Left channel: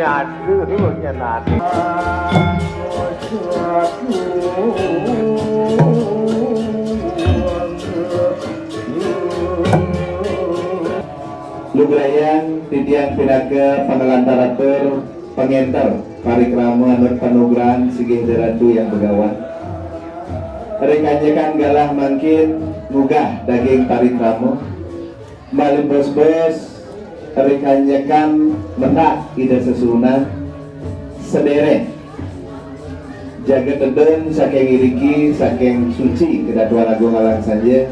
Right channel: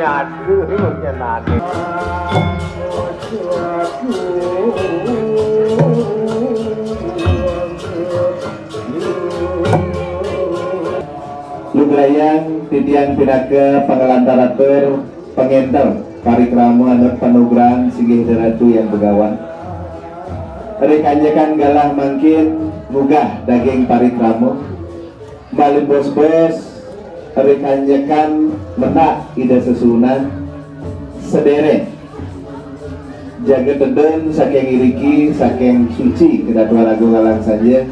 aduh nyenane. Lugrayan Tidian Pinaga Pangalantaratur Pengenter Parikramu Anut Panugrahan Sigih Deratu yang begawan Rekanjakan galah mangkin Gugah daging parikramu Malin bos-bos Rekanjakan menak ida sesuna Sedere Jaga teden saking iriki saking suci kedatuan agung alang saja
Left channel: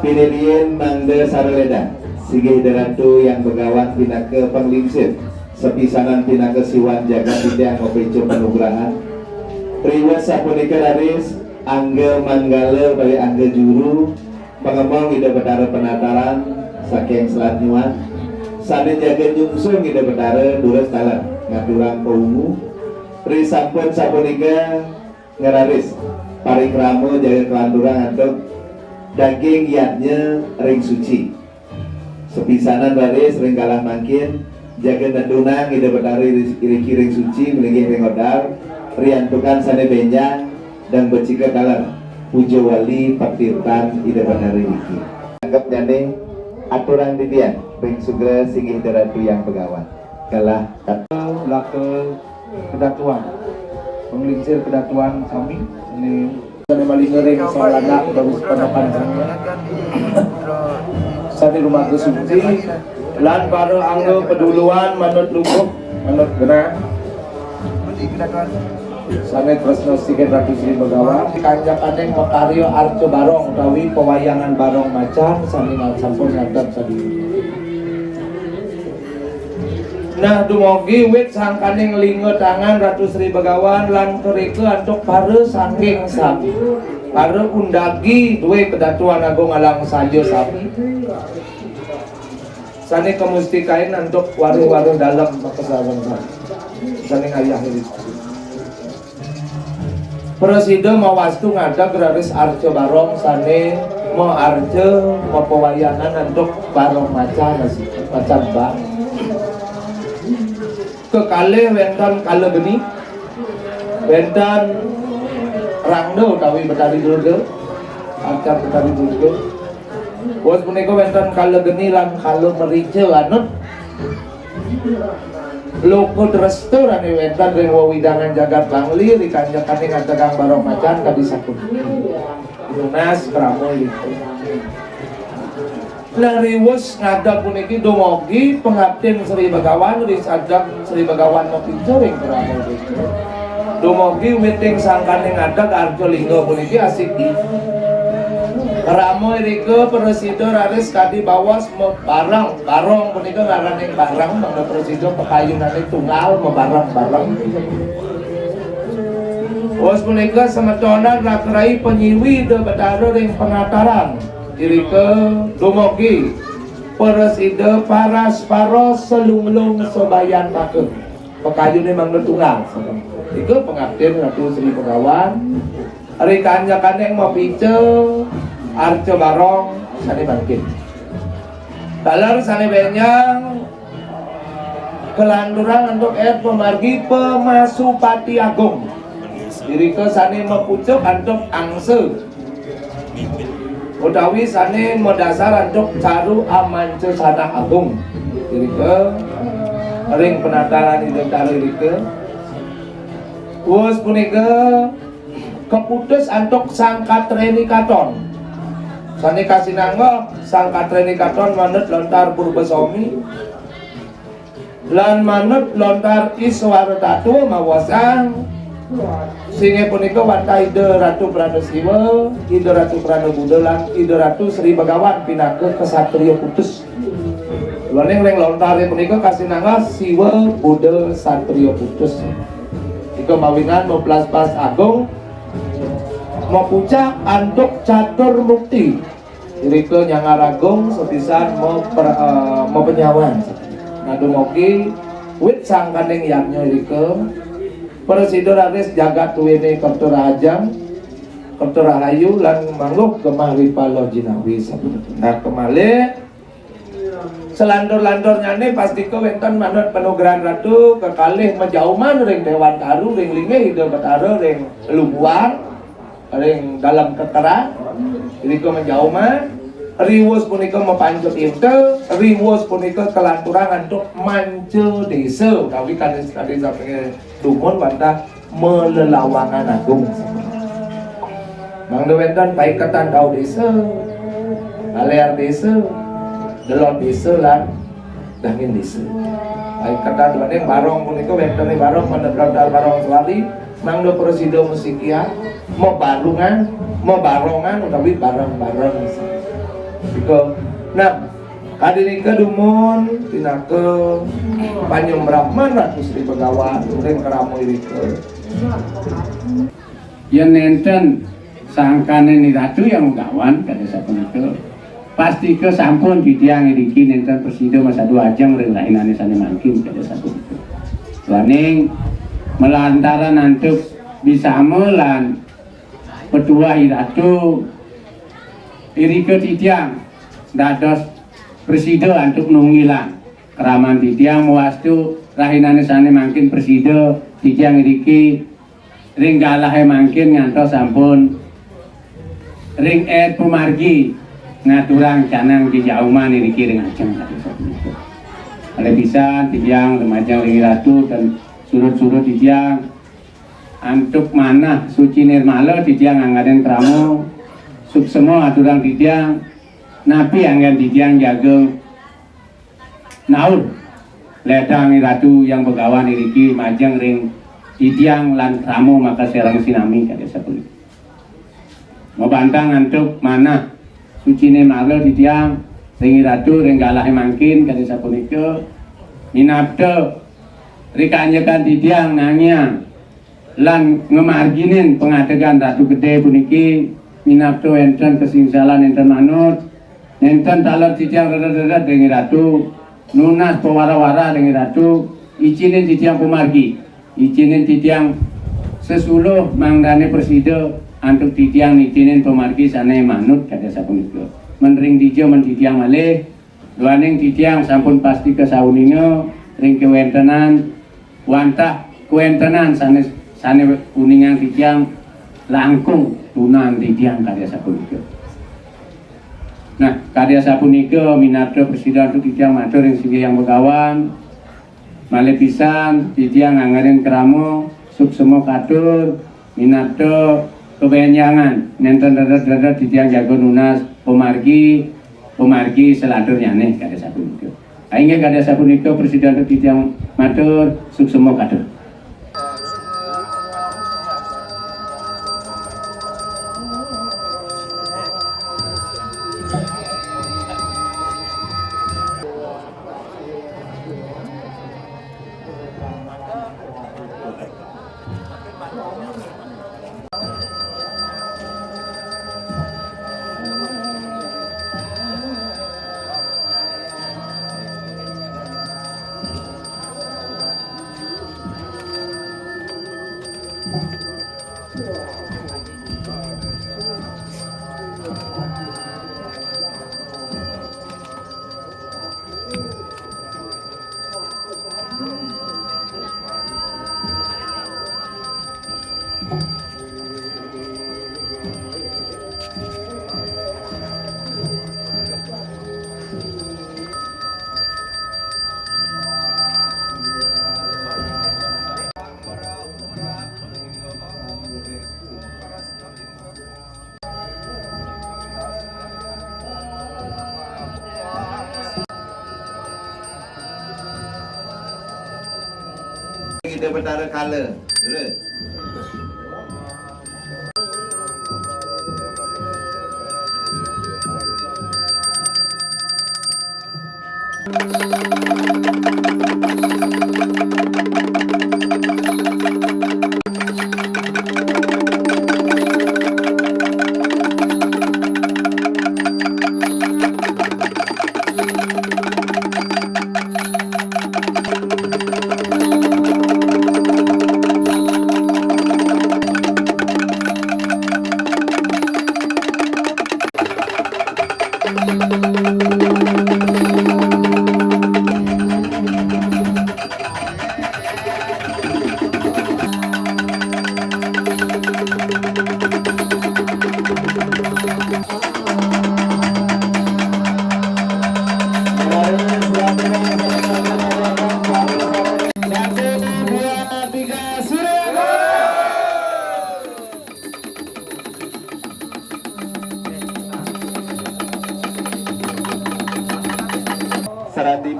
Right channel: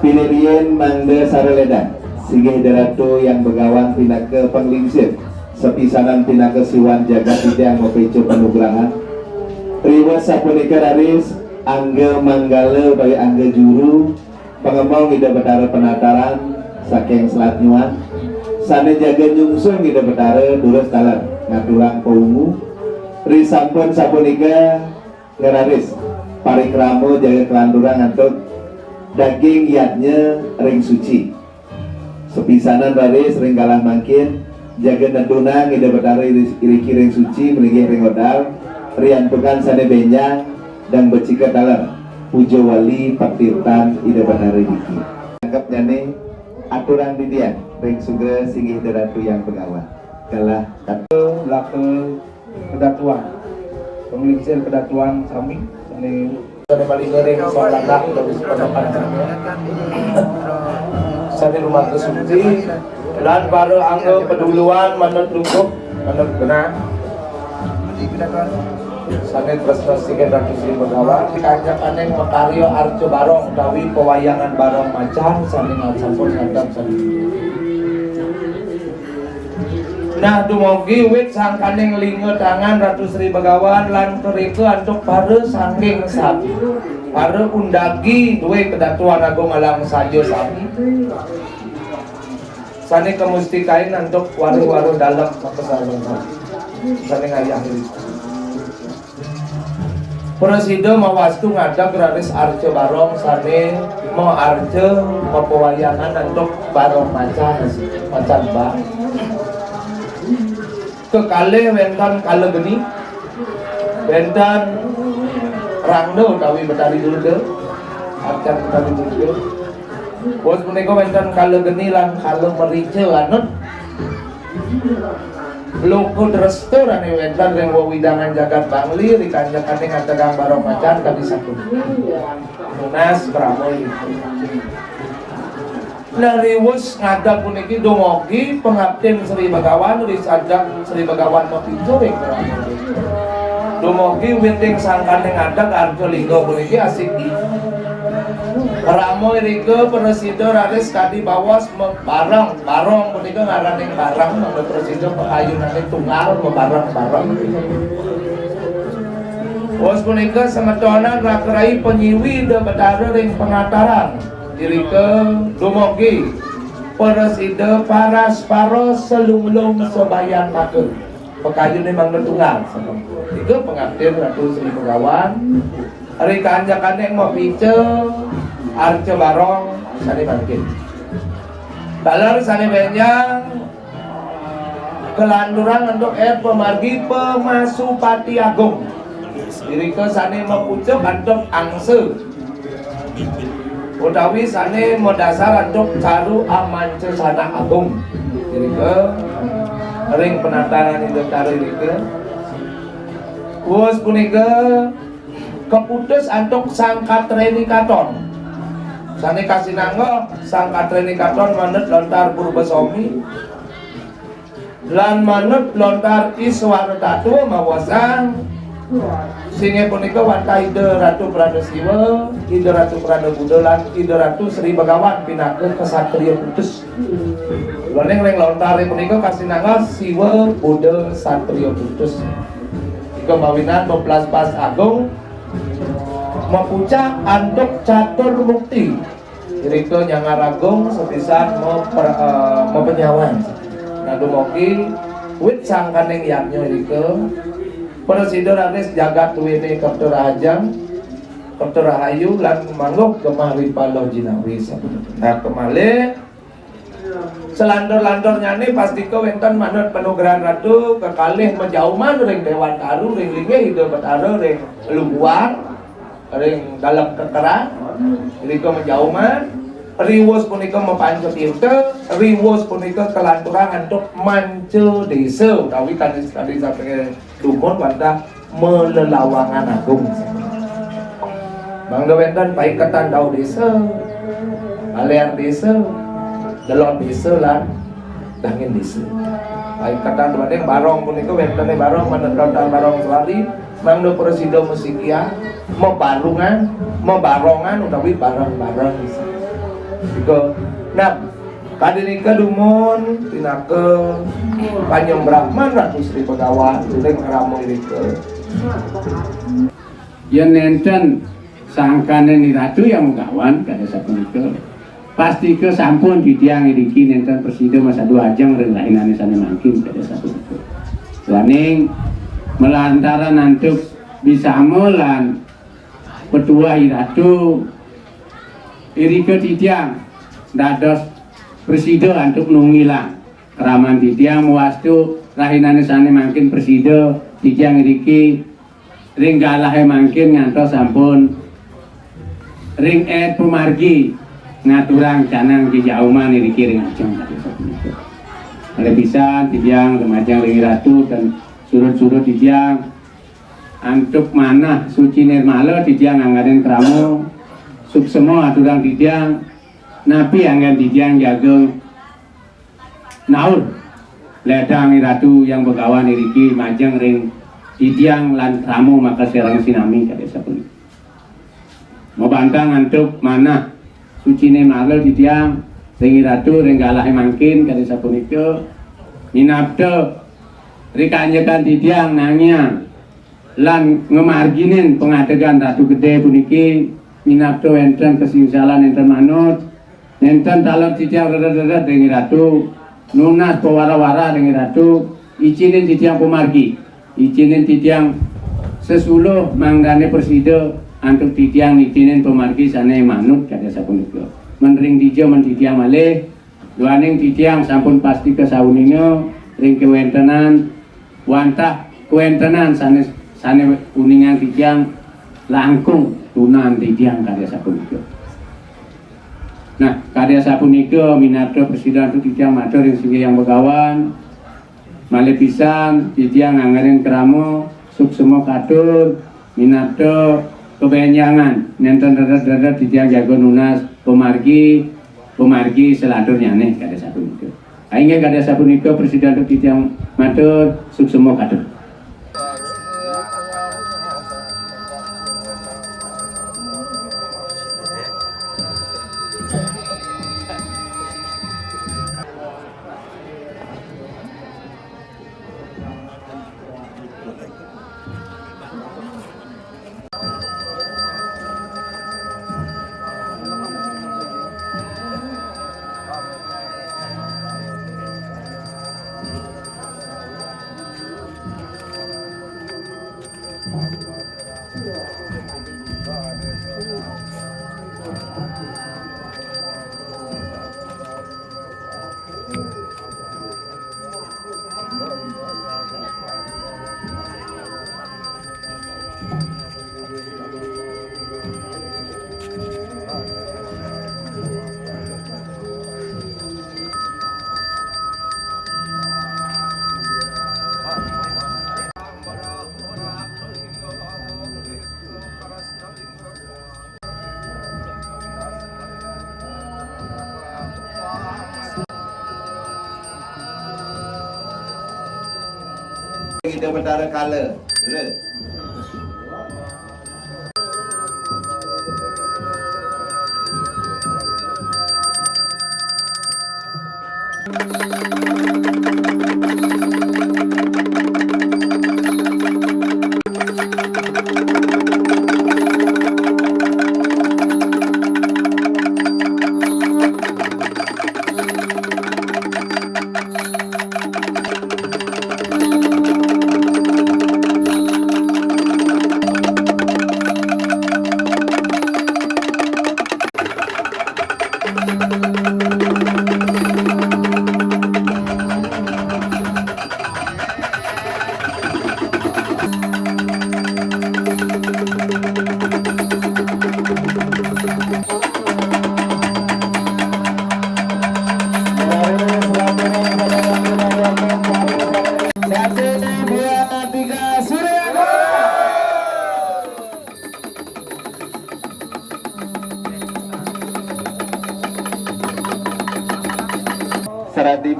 Pinilien Mangga Saraleda Sigih Deratu yang begawan pinaka penglingsir sepisanan pinaka siwan jaga tidak ngopeco penugrahan riwa sapunika raris angga manggala bagi angga juru pengemong ida bedara penataran saking selat nyuan sana jaga jungsung ida bedara durus talan ngaturang koungu risampun sapunika ngararis parikramo jaga kelandurang atau daging yatnya ring suci sepisanan raris ring kalah makin jaga nadunang ida bedari iriki ring suci meligi ring odar riantukan sane benyang dan becika dalam pujo wali paktirtan ida bedari iki anggap nyane aturan didian ring sugra Sigih Deratu yang pegawan kalah kata laku kedatuan penglingsir kedatuan kami sane dari balik ring salana terus pendapat di rumah kesuci lan baru anggo peduluan manut lungkup manut gerak sangat tresno Sigih Ratu Sri Begawan kancakan notario Arjo Barong utawi pewayangan Barong Macan saking sampun ngadap sadi. Nah dumugi wit sangkaning linggo tangan Ratu Sri Begawan lan kerike antuk pare saking sami pare undagi duwe kedatuan agung alam sajo sami sane kemustikain untuk waru-waru dalam kesalan sane ayah ini Presiden mawastu ngadak gratis Arjo Barong sane mau Arjo mau pewayangan untuk Barong Macan Macan Bang kekale wenten kale geni wenten rangdo utawi betari dulde acar betari dulde bos punika wenten kale geni lan kale merice lanut loko restu rane wenten ring wewidangan jagat bangli dikanjakaning atekang Barong Macan kabisakun lunas kramoi Narimus ngadap puniki dumugi pengabden Sri Begawan risadap Sri Begawan mapincuring dumugi witing sangkaning ngadap Arjo Linggo puniki asik di Ramo irike Presiden raris kadi bawas barang punika ngaraning barang menurut Presiden pekayunane tunggal barang bos punika semetonan rakrai penyiwi de betara ring penataran irike dumugi Presiden paras selung-lung sebayan make pekayune mangga tunggal iku pengabden Ratu Sri Begawan ari kanjakaning ngopice Arjo Barong sane bangkit dalar sane benyang kelanduran untuk pemargi Pemasupati Agung irike sane mepucuk antuk angse utawi sane modasar antuk caru amance sanak agung irike ring penataran indentari irike wus punika keputus antuk Sang Katreni Katon sane kasinangga Sang Katreni Katon manut lontar Purbasami lan manut lontar Iswara Tatu mawasang singe punika wanta Ida Ratu Pranasiwa, Ida Ratu Pranabuda lan Ida Ratu Sri Begawan pinaka kesatria putus. Laning ring lontare punika kasinangga Siwa Buddha Satria putus. Iku mawinan meplas-pas agung mepucak antuk catur mukti. Irike nyangaragung sepisan mau penyawan. Nah dumugi wit sangkaning yatnya irike Presiden raris jagat wene Kerto Rahajang Kerto Rahayu lan mangguk kemali palo jinawi. Nah kemali selandor-landornya nih pasti ke wenten manut penugaran ratu kekalih menjauman ring dewan taru ring linge hidup betara ring luar ring dalam keterang jadi ke menjauman riwus punika mepancut intel riwus punika kelanturan untuk manco desa tapi tadi sampai dumon pada melelawangan agung mangga wenten paikatan tau desa baliar desa delon desa lan dangin desa paikatan wadeng barong punika wenten barong menedot barong swali mangga presida musikia mebarongan utawi bareng-bareng gitu. Nah, kadirika dumon tinake panyembrahman Ratu Sri Begawan turing keramu irike. Yen nenten sangkane ni Ratu yang Begawan kada sapunika. Pasti ke sampun ditiang iriki nenten presida masa dua ajang relainane sane mangkin kada sapunika. Laning melantaran antuk bisa melan petua Ratu irike titiang dados presida antuk nungilang keraman titiang wastu rahinane sane mangkin presida titiang iriki ring galahe mangkin ngantos sampun ring pemargi ngaturang canang dijauman iriki ring ajeng oleh pisan titiang remajang ring Ratu dan surut-surut titiang antuk manah suci nirmala titiang anggaden kramo sub semua aturan titiang napi anggan titiang jagung naur ledang Ratu yang Begawan iriki majeng ring titiang lan kramo maka serang sinami kada sapunika mau bantang antuk manah sucine malu titiang ring Ratu ring galah mangkin kada sapunika minabda rikanyekan titiang nangiang lan ngemarginin pengadegan Ratu Gede puniki minabda enten kesingsalan enten manut enten talon titiang rada-rada ring Ratu nunas pewara-wara ring Ratu izinin titiang pemargi izinin titiang sesuluh mangdane presida antuk titiang izinin pemargi sane manut kada sapunika menring dijo men titiang malih duaning titiang sampun pasti kesawuninga ring kewentenan wantah kewentenan sane kuningan titiang langkung tunan titiang karya sapunika. Nah, karya sapunika minabda presida untuk titiang matur ing singgih yang Begawan malih pisan titiang anggaring kramo suksema katur minabda kebenyangan nenten dadat titiang jago nunas pemargi selandur nyaneh karya sapunika. Aingge karya sapunika presida untuk titiang matur suksema katur. Kita bertara kala.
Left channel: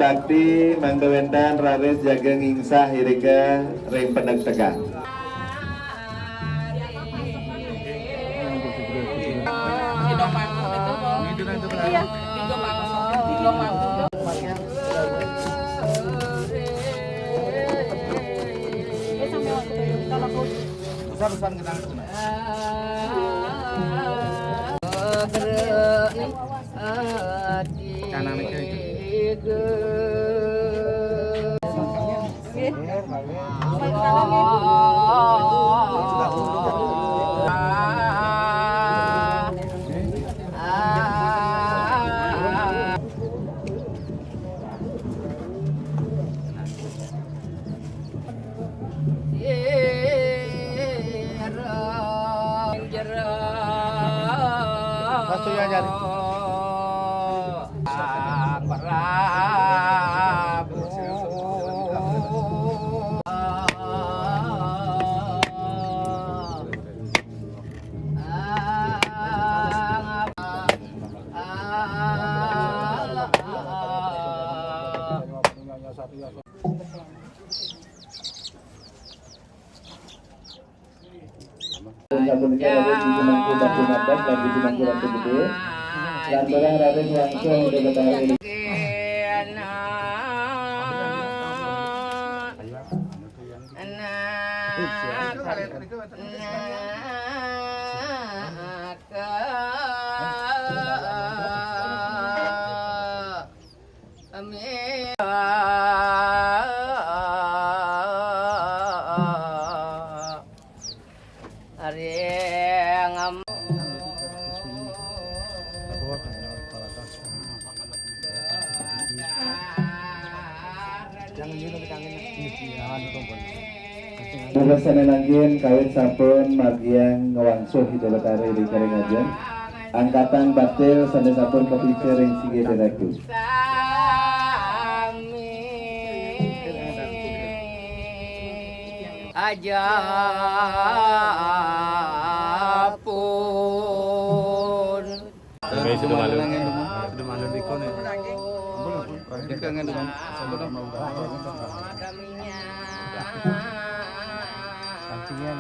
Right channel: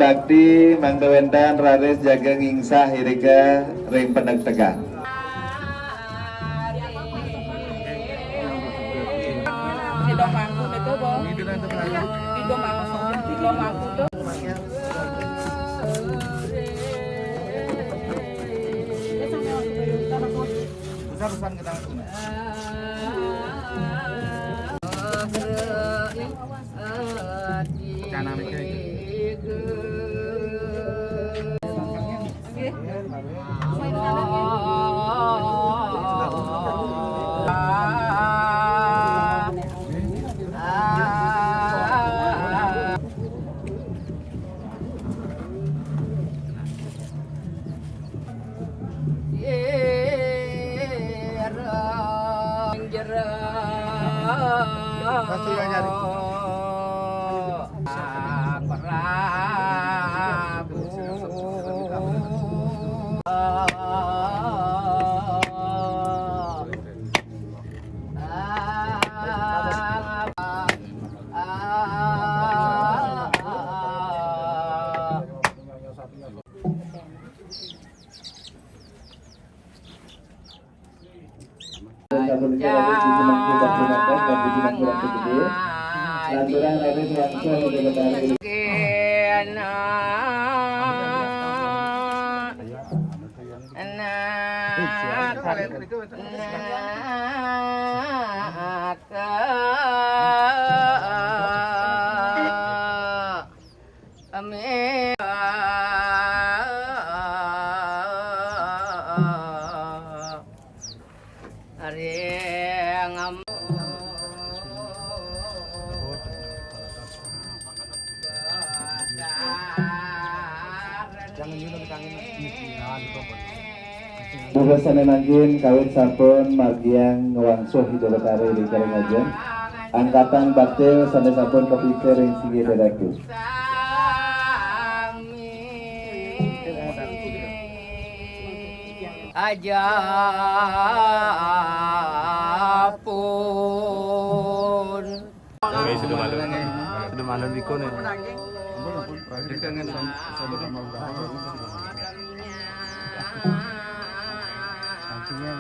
bakti manggawendan ranes jaga ngingsah irika ring pendek tegang. Besar-besar kita kena. Kanan itu. Bulasane nanggin kawit sampun margiang ngewangsuh Idul Betari di Karingajen. Angkatan baktil sane sampun kepikir ring sige dedatu. Aja pun Itu malam ikon ya. Ampun terakhir kangen sama sampingnya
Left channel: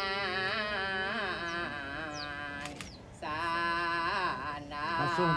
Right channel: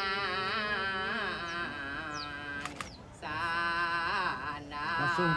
langsung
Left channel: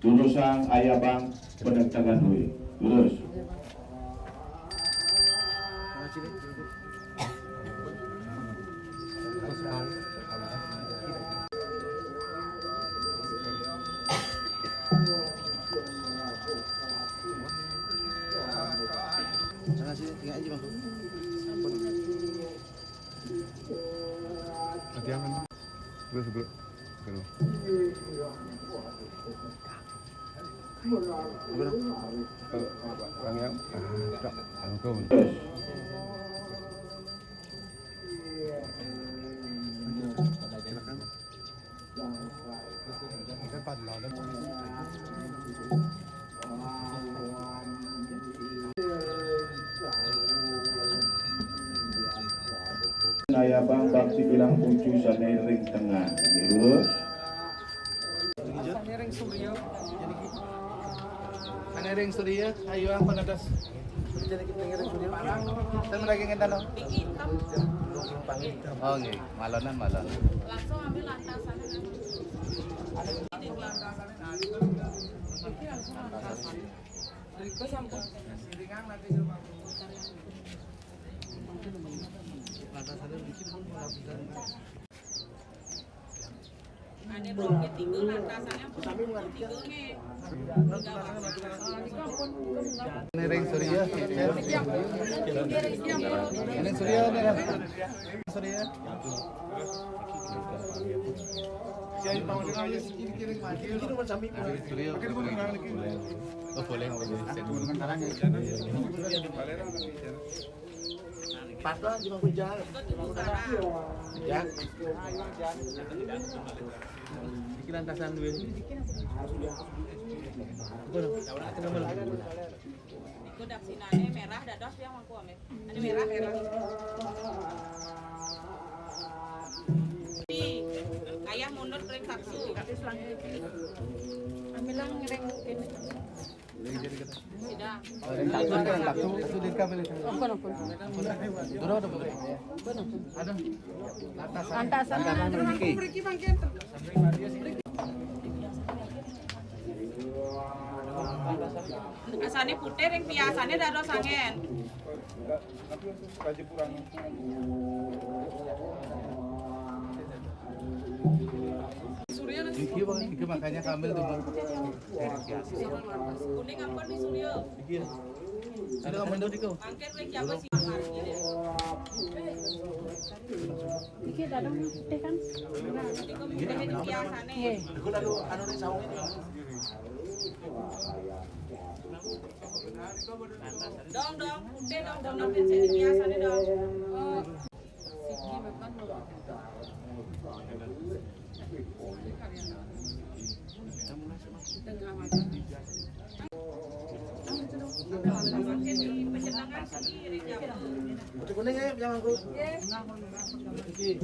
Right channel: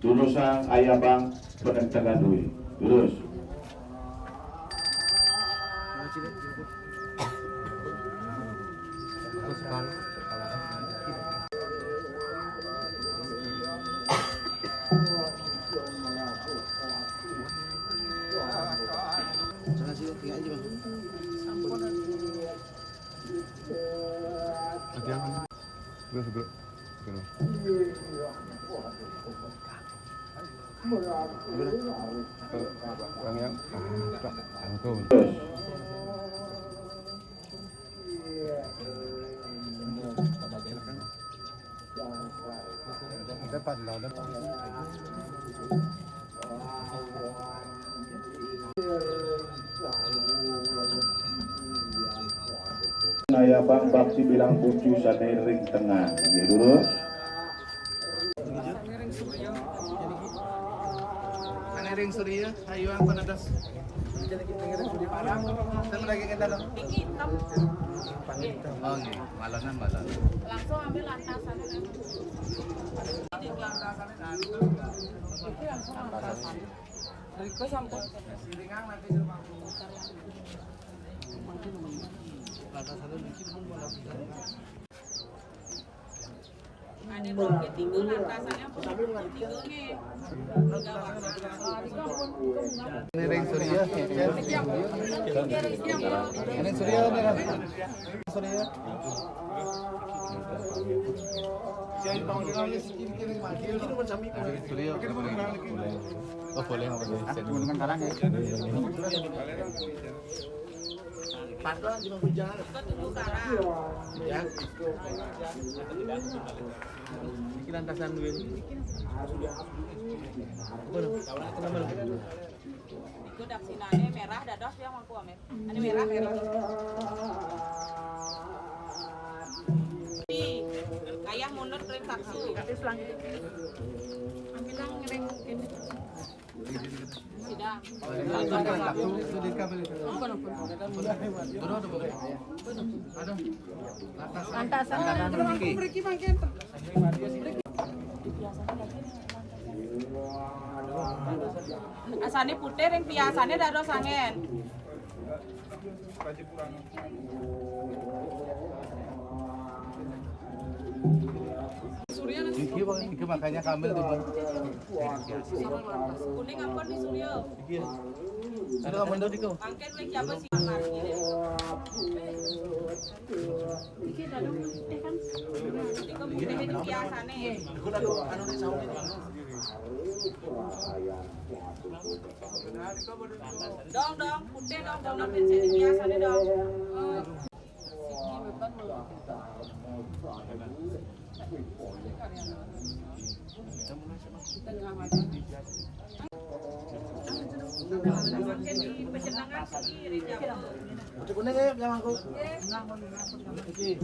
Jurusan Ayabang Penegtakan Duit. Terus. Bro, bro. Bang yang tak angkau. Naya bang bapsi bilang kunci ring tengah. Ini lurus. Kanering Surya, ayo apa nadas? Kita lagi kita lo. Oh nih, malonan. Langsung ambil lantasan. Ada dua tiga lantasannya. Kanering Surya, Kanering Surya nih kan? Surya. Patah cuma hujan. Ya. Bikin lantasan dulu. Apa dong? Ikut daksinane merah dados yang aku ame. Ini merah. Ayah mundur kering saksu. Bilang kering ini. Sidang. Antasan asane putih ring biasane dados sangen. Iki makanya kambil tuh bang. Kuning ampun di Surya. Iki. Sudah kamu tuh diko. Angket ring jago siang lagi deh. Iki dadong teh kan. Iki biasane. Aku lalu anu nih saung ini. Dong putih dong biasane dong. Kuning ayo janganku. Iki.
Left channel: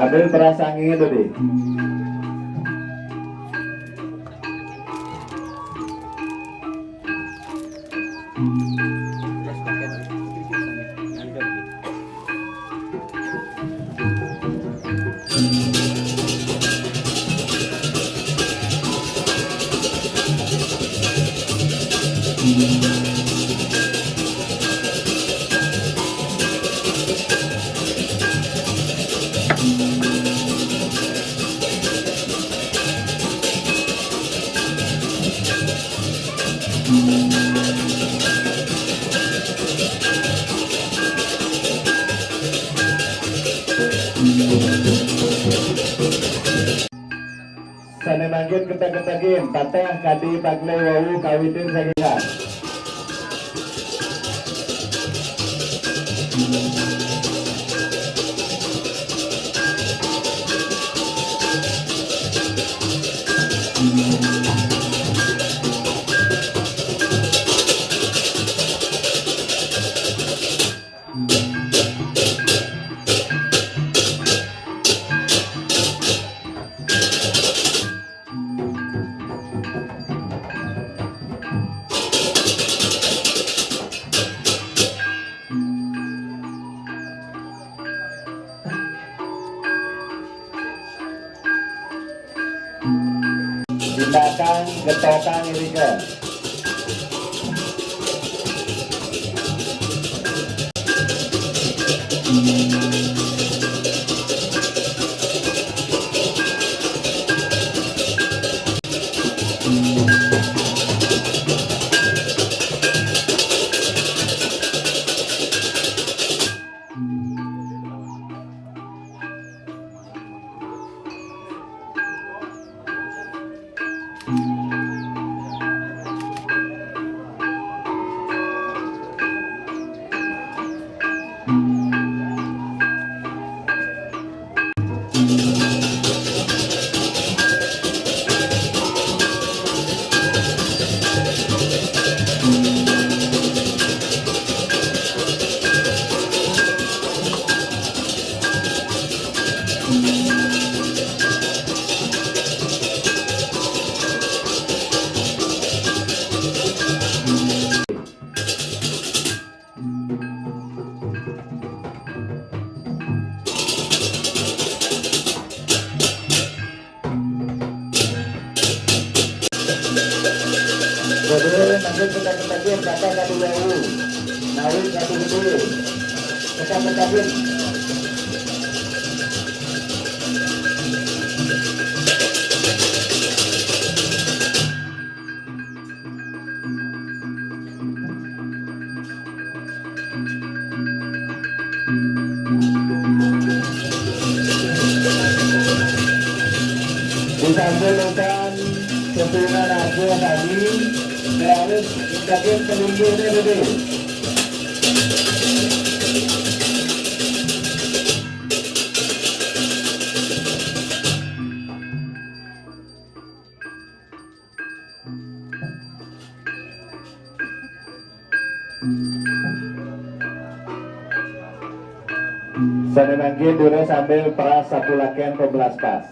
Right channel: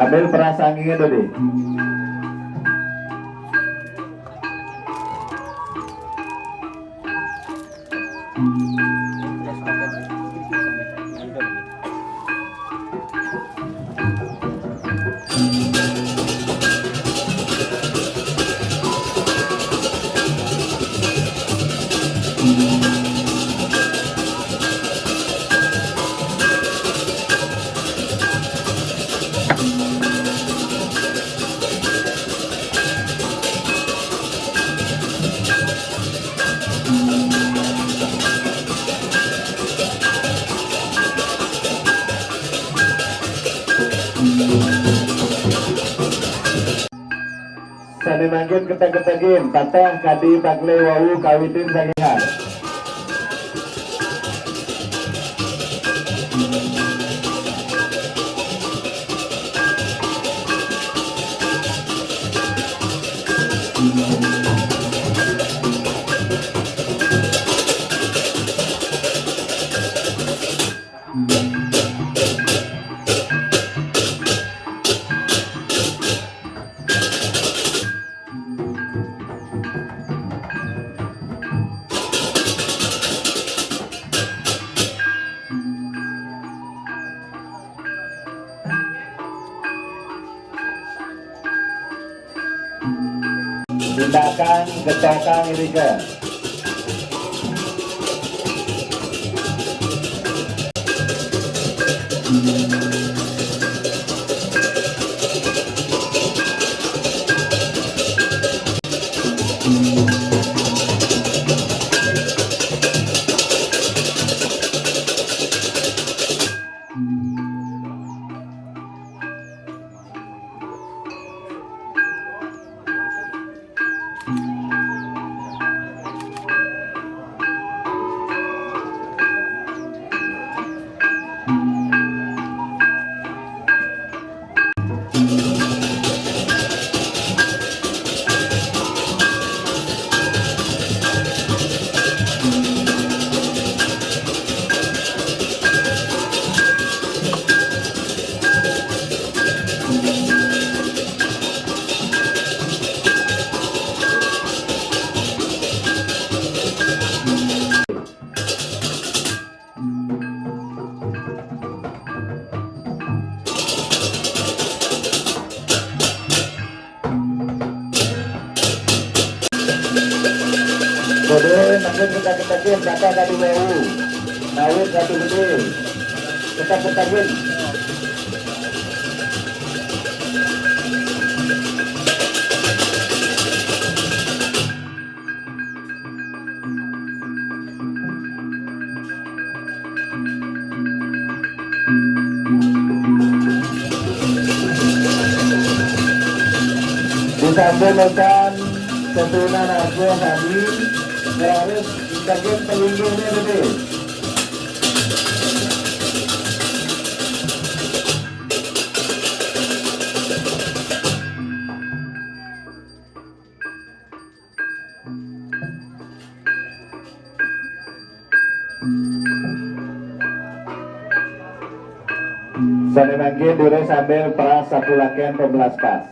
Ambil perasaan itu deh. Sane mangkin ketek-ketekin, tateh kadi takle wau kawitin sangingan. Tindakan getokan irika. Kemudian nanti kita kakak dari WU, naik satu gede, kita ketahui. Disampaikan keturunan aku tadi harus dikasih pelindungnya dulu. Saya lagi dulu sambil perang satu lakian 12 pas.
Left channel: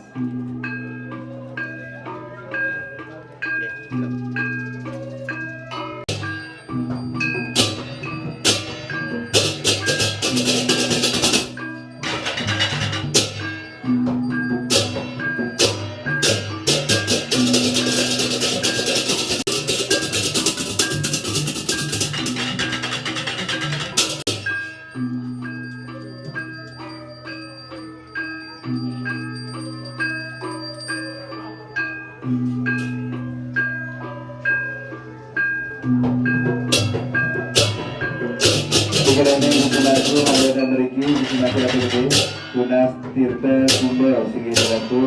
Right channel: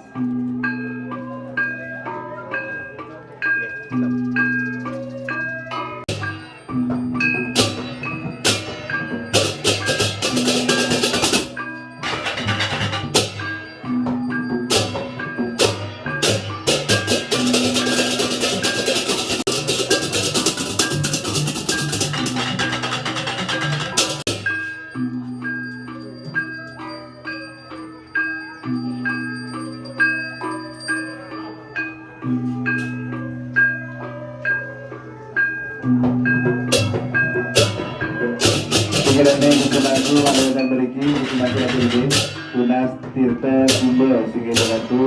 Sekiranya hukumanku adalah memiliki hukumanku lagi lebih Tunas Tirta Sumber Sekiranya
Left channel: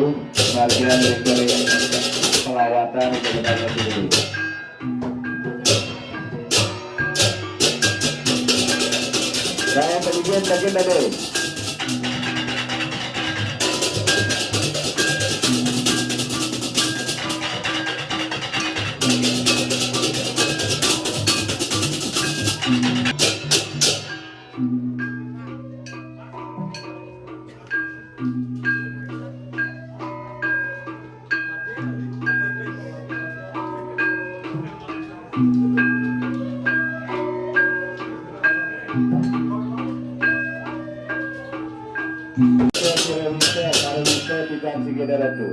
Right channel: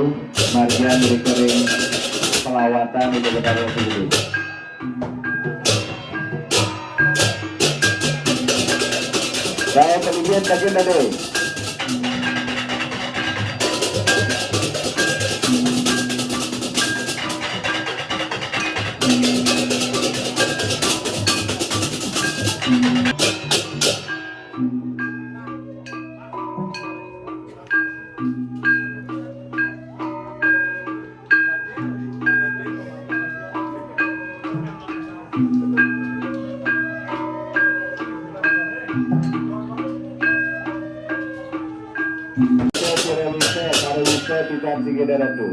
Margian Rekering Pelawatan itu benar lagi lebih Dan kemudian bagian tadi tidak segera itu.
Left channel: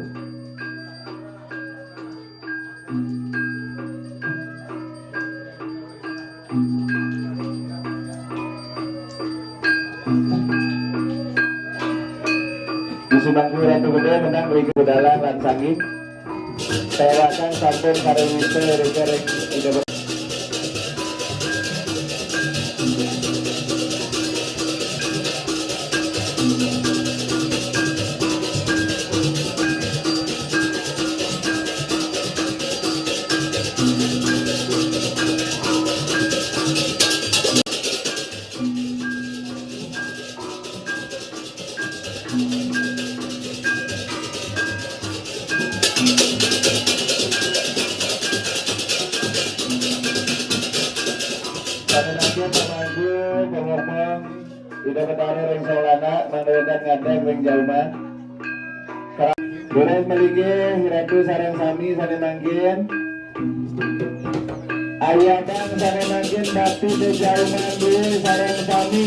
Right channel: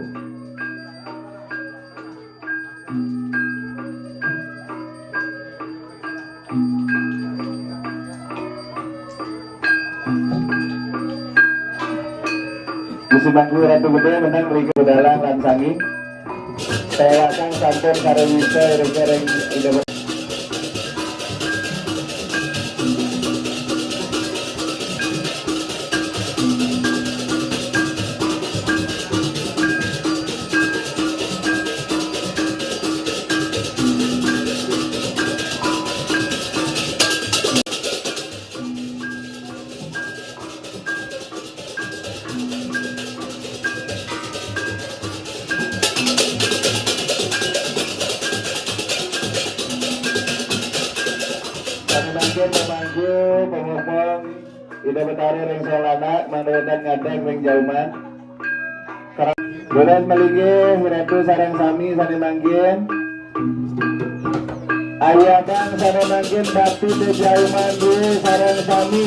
Disebangku Ratu Gede menang Liga Dalam dan Sangi. Saya akan sampai Karawista Rekering Indonesia. Pengomong tidak betara yang solana mandodan ngadeg yang jauman Bodan meligi Hiratu sarang sami sarang manggin Ayadang sarang manggin bakti de jauman di sarang sami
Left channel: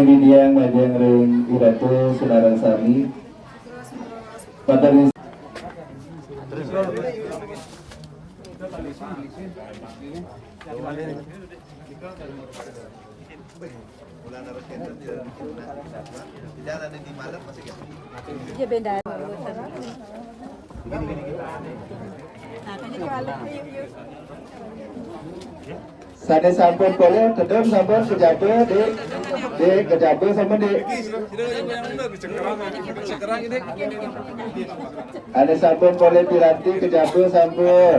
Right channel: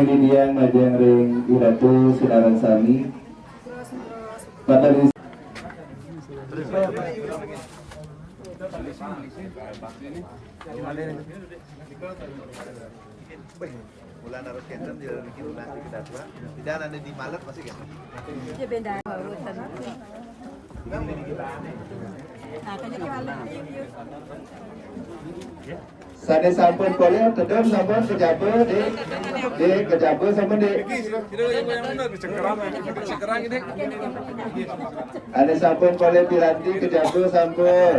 Ini yang ngajeng ring Iratu saudara sami pada Sane sampun boleh kedem sampun kejabe di kejabe sampun di ada sampun boleh diranti kejabe sampun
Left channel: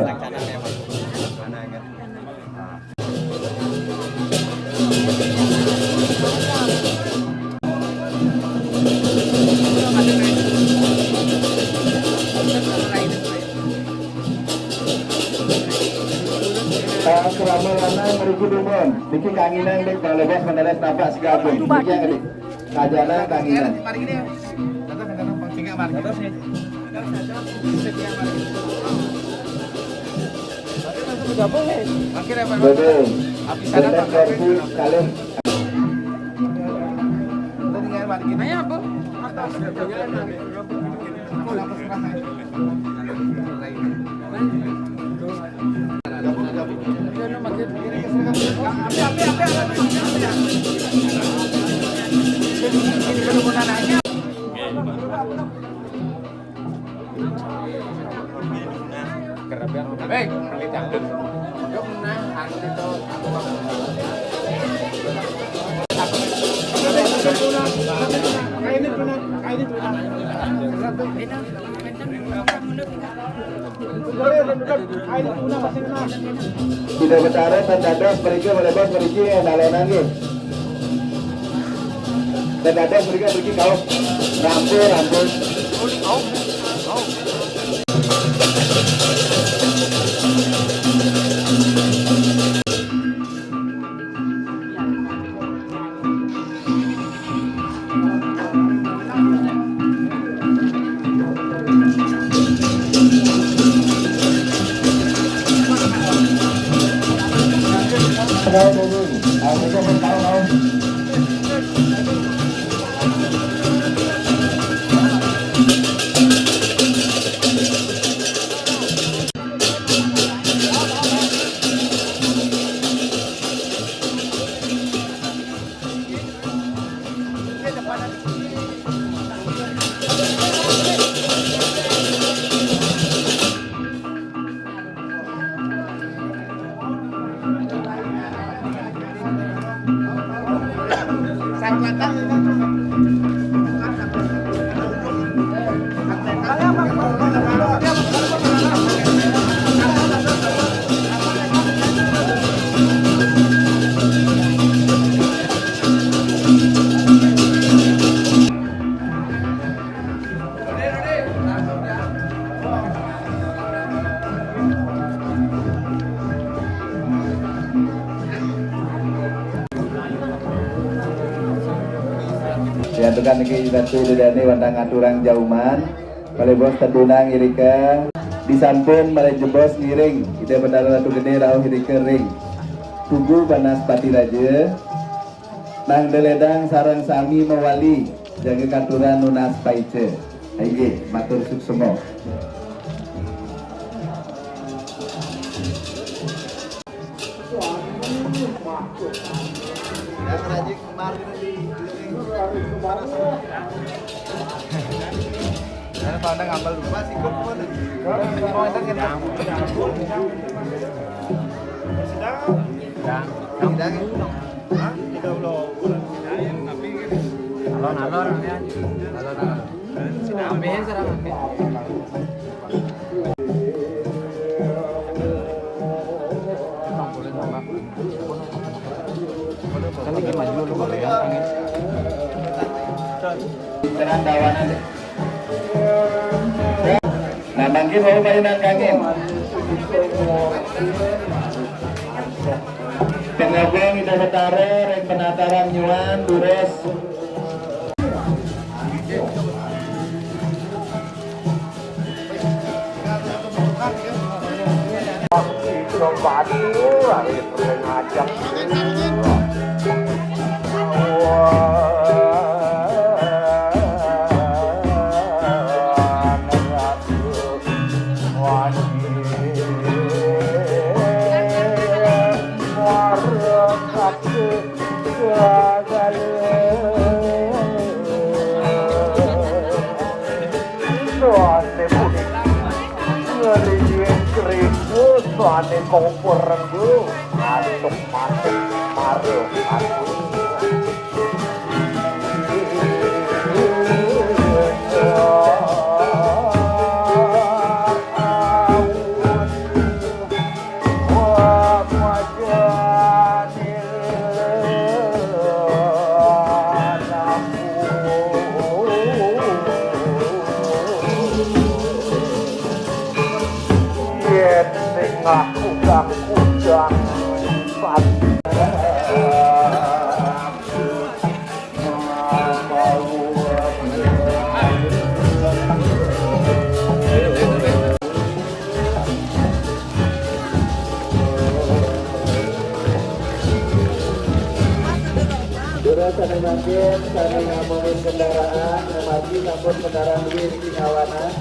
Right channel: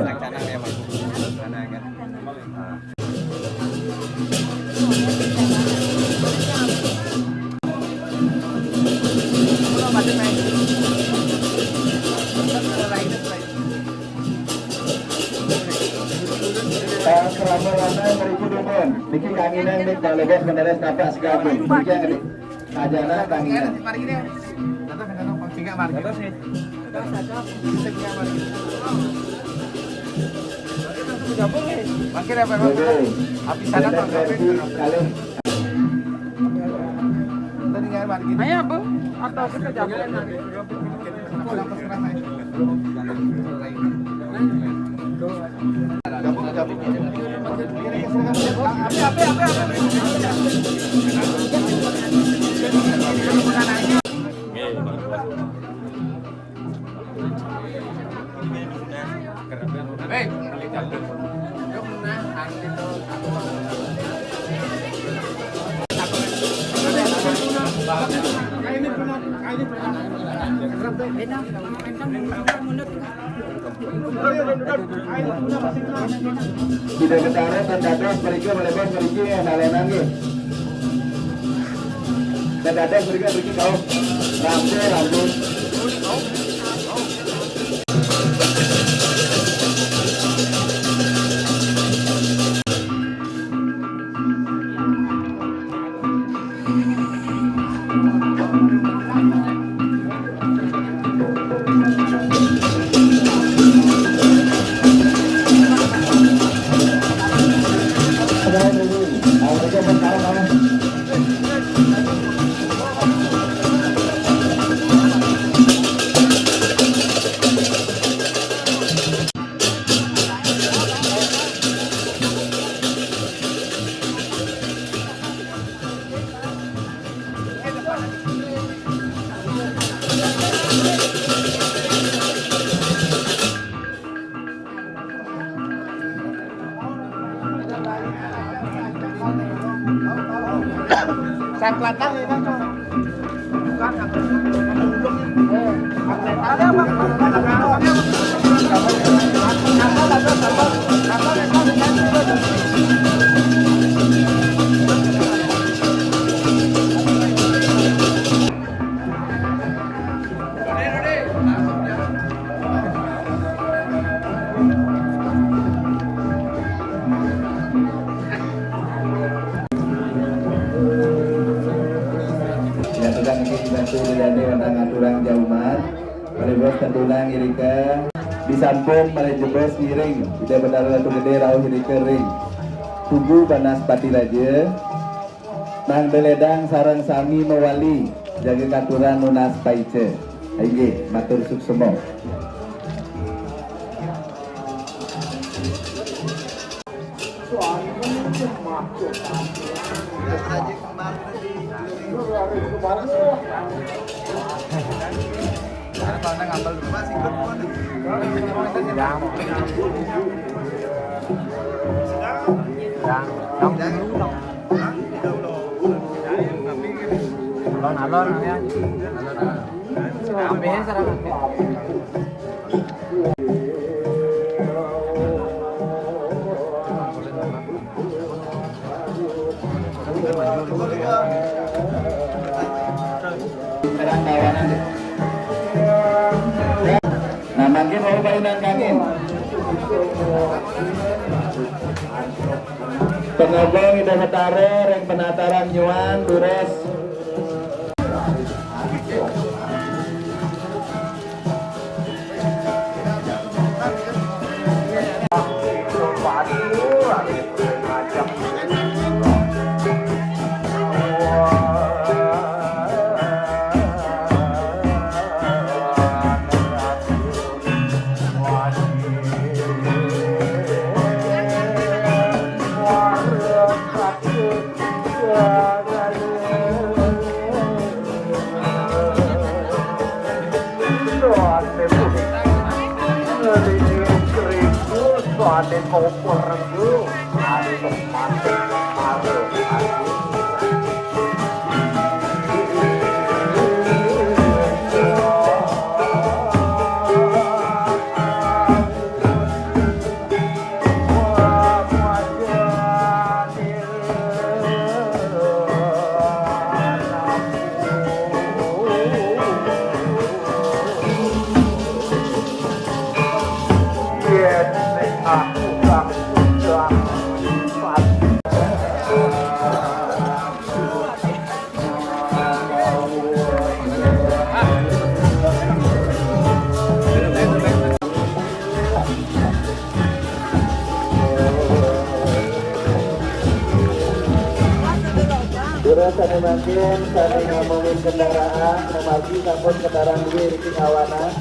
Selama lana mereka dumon, bikin kanginan dek kalau bos mendadak napas gabung, bikin yang dek kajana kanginan. Makin apa? Api sana tak kalian. Tadi nggak balik ini. Sudah bicara terdadas pergi melebas pergi nalonan nih. Terdadas pergi kau rambut. Ya tekan lagi bantu didani wandang aturang jauman. Kalau bos terdunang irika disampun mare jebos ngiring. Kita benar ratu gede rauh irika ring. Tugu panas pati raja. Nang deledang sarang sami mewali jaga katuran nunas paice. Aige matur suksemo. Alon-alon ya. Ambil sarang ambil. Terang dawanan deh. Nah, mangkin mau mainan kangin. Pengabang ida betare reng penataran nyuan dures. Kami mangkin, kami ngomongin kendaraan, memaji sampun kendaraan dulu di kawanan.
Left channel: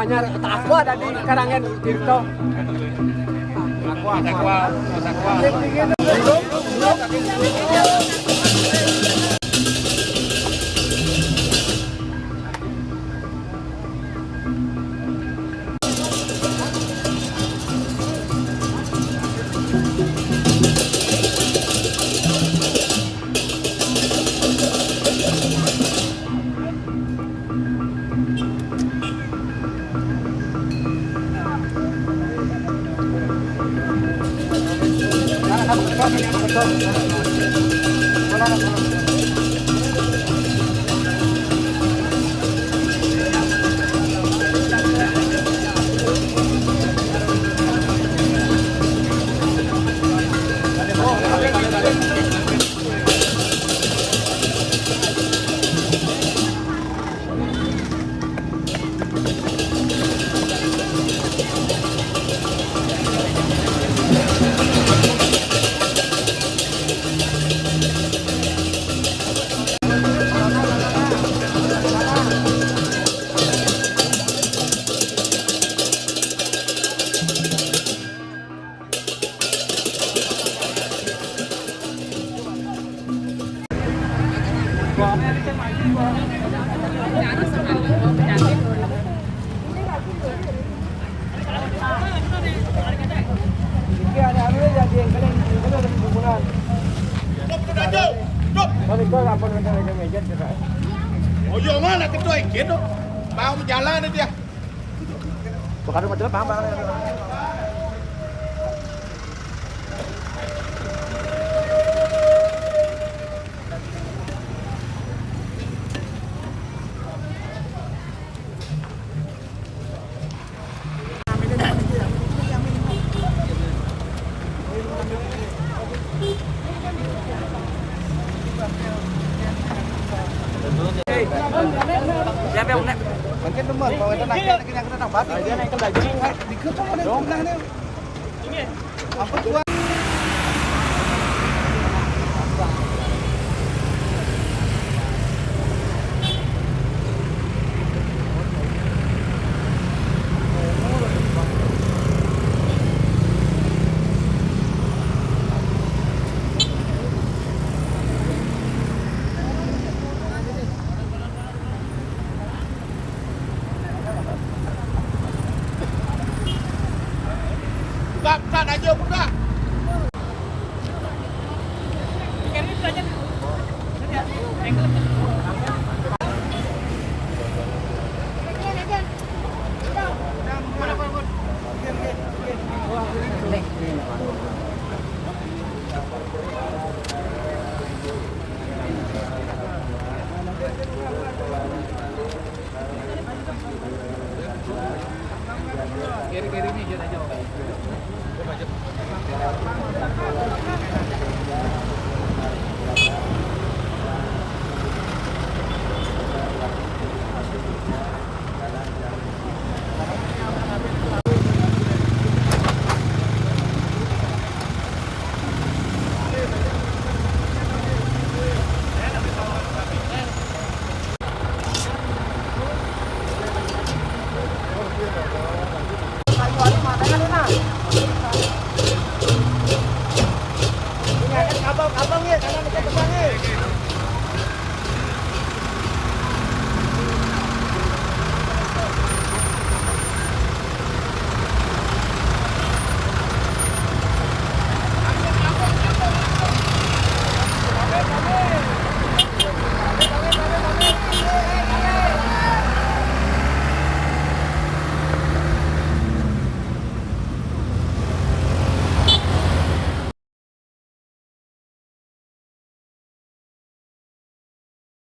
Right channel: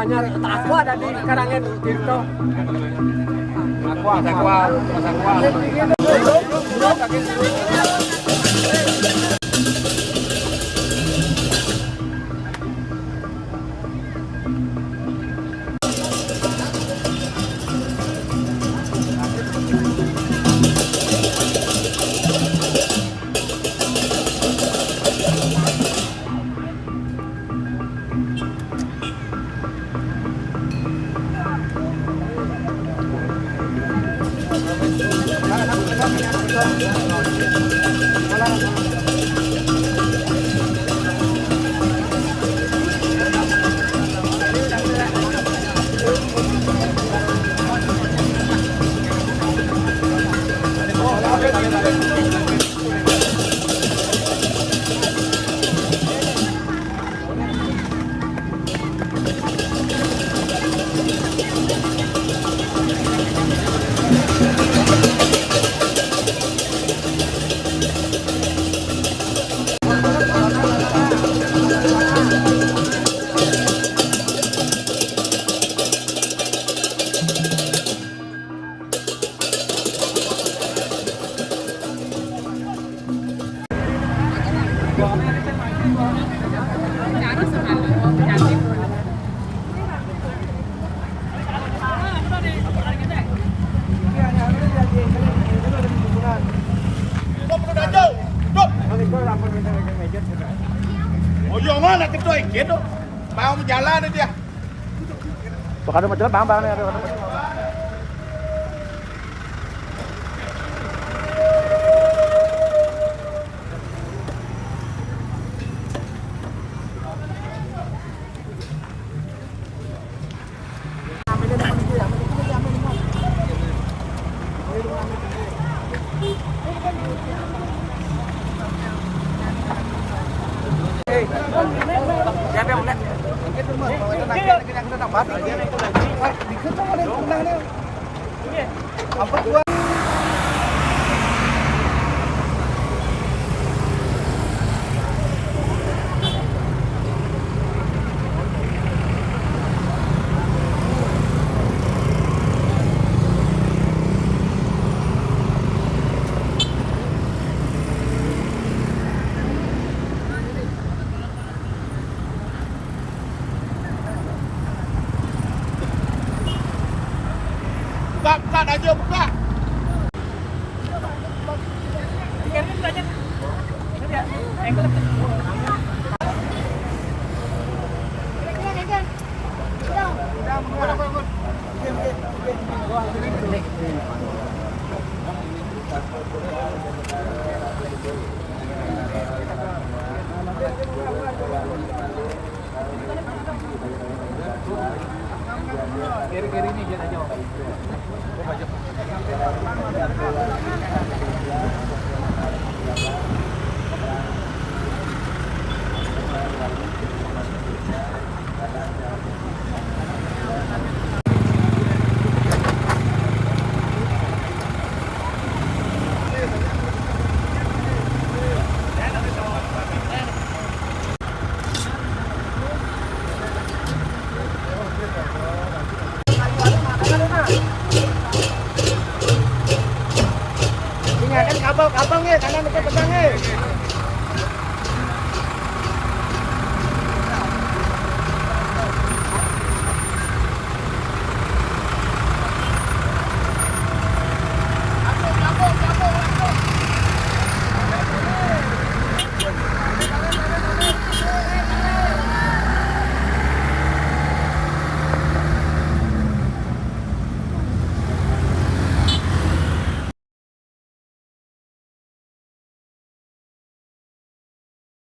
Anyar takwa ada di karangan Tirto. Takwa. Siap ya, Unek. Mungkin teman, mau itu nanti yang kita tambah tinggi. Dikit kok ada yang nih. Ini. Apa gua? Kiri-kiri nih.